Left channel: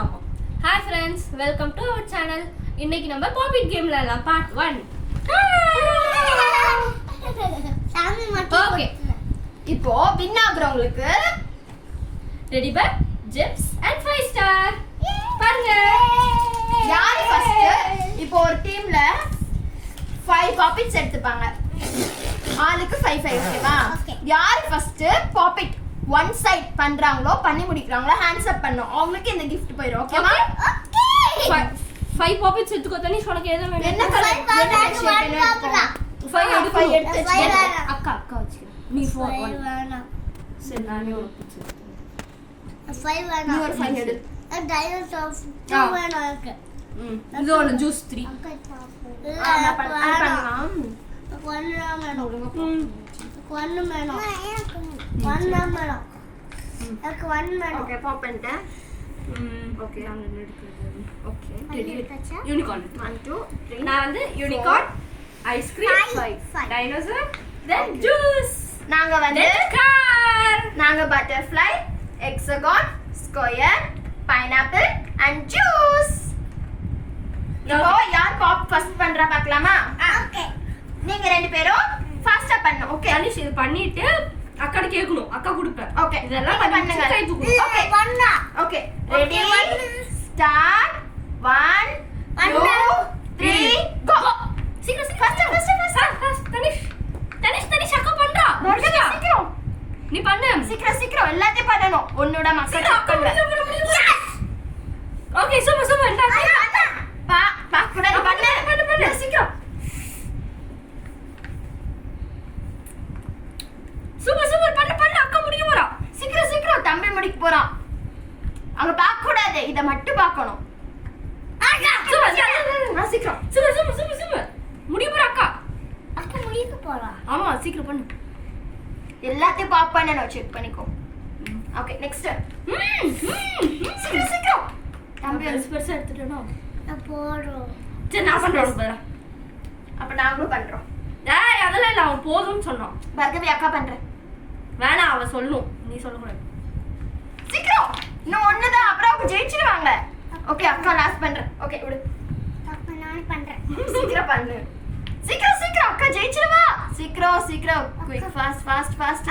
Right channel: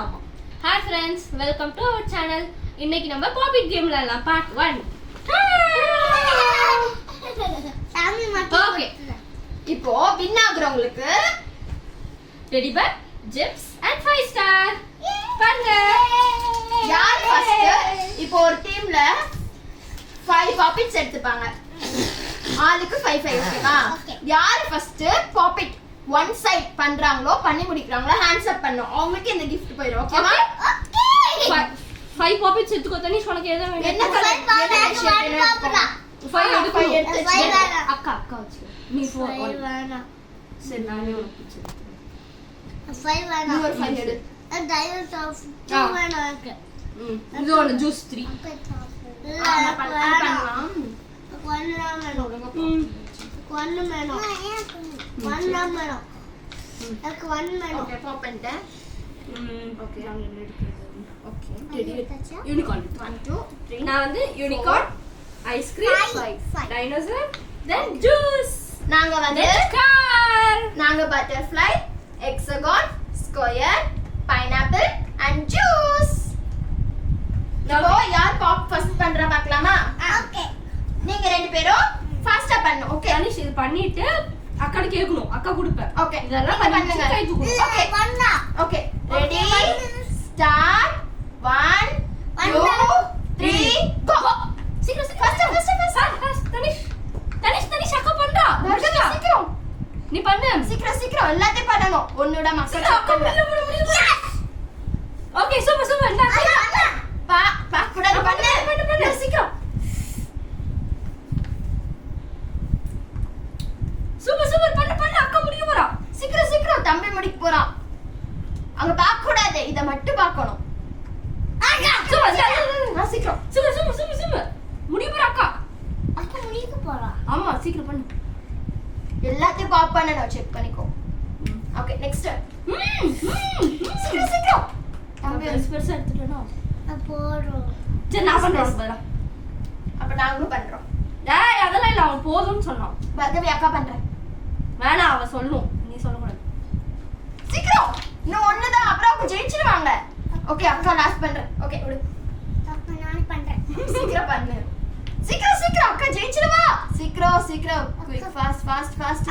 ஆமா. Hi friends, welcome to our channel. இன்னைக்கு நம்ம பாப்பிட் கேம்ல எல்லாம் பார்ட் 1. ஓகே, இப்போ வின் ஆகுறவங்களுக்கு ready but gems and 5 star. பாருங்க யார் ஃபர்ஸ்ட். இப்போ ஒரு டீம்ல 5 பாப்பிட்ஸ் எடுத்துப்பாங்க. ஆளுக்கு 5 ஓகேவா? யார் ஃபர்ஸ்ட் பாப்பிட் ஒன் சைட் பண்றாங்களோ பண்ணி முடிக்கறாங்களோ ஹேண்ட்ஸ் அப் பண்ணனும். அவங்களுக்கு இந்த gift போயிடும். ஓகேவா? ஓகே. 5 பாப்பிட்ஸ் எடுத்துக்கோ. தனிஷ் உனக்கு எது வேணும்? என்ன கலர் என்ன ஷேப் வேணும்? 5 எடுத்து அக்கா வச்சு. நீ 4 வேணாம். சரி, நானே உனக்கு பிடிச்சது. 5 வேணாம். நீ ஒரு 5 எடு. டைனோசர் 2 வேணாம் இருக்கு. இது ஒரு ஜூஸ் 3. நான் பண்ணலாம். 1 வேணும். ஓகே, பாப் பண்ணிட்டேன். ஓகே, நாங்க எடுக்கிறது. ஓகே. ரெடி. யூனிகார்ன். 1 2 3 நான் வந்து unicorn, ice cream, 5 dinosaur, then juice. நாங்க வந்து கார். நாங்க butterfly, hexagon, square, pineapple and juice. இப்போ யார் பாப் ஃபர்ஸ்ட் பண்றா பார்க்கலாமா? ஓகே. நீங்க ரெண்டு பேரும் ஃபாஸ்டா பண்ணனும். ஓகே, தனிஷ் இது பண்ணிட்டு அக்காட கேக்கணும். அக்கா கொடுப்பேன். ஓகே, இதெல்லாம் நீங்க பண்ணுங்க. கை தூக்கணும். ஓகே பண்ணா. Okay, ready start. 1 2 3 கோ. சீக்கிரம் ஃபர்ஸ்ட் தனிஷ் அக்கா பண்றா. சீக்கிரம் நீ பண்ணு. சீக்கிரம் எல்லாத்தையும் பண்ணனும். ஒன்னோட மக்கள் செக் பண்ற. ஓகே, சூப்பர் இந்த பா கூட பண்ணு சீக்கிரம். சூப்பர் பண்ணு அக்கா முடிக்க போறா. சீக்கிரம் தம்பி முடிக்க போறான். அங்க பார்க்க கூடாது, இத மட்டும் பார்க்கணும். சீக்கிரம் சூப்பர் முடிக்க போறா அக்கா. அக்கா முடிக்க போறா. ஆமா, சீக்கிரம் பண்ணு. எல்லாத்தையும் பாப் பண்ணனும். செக் பண்ணிக்கோ. Okay, next. சீக்கிரம் தம்பி பெருசா எடுத்துட்டேனா? நான் போறோம். சரி, நான் பண்றேன். அப்ப நாங்களும் பண்றோம். டேய், அதெல்லாம் இல்ல, அவன் போதும்னு சொன்னான். பர்கவி அக்கா பண்றேன். வேணாம், அவன் சொல்லணும், நீ சொல்லக்கூடாது. சீக்கிரம் இன்னும் ஒண்ணுதான், அப்புறம் அவங்க ஜெயிச்சிடுவாங்க. ஓகே, அக்கா லாஸ்ட் பண்றேன். ஓகே, விடு. அப்ப நான் பண்றேன். சீக்கிரம் பண்ணு. சீக்கிரம் அக்கா ஜெயிச்சிடுவா. சீக்கிரம் குயிக் ஃபாஸ்ட்.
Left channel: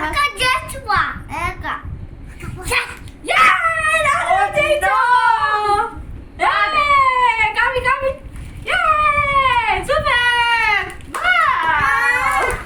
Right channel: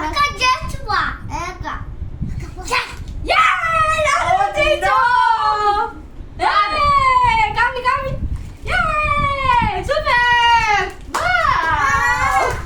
அக்கா ஜஸ்ட் வா. அக்கா ஏய், நான் ஜெயிச்சோம். ஏய், காமி. ஏய், சூப்பர்.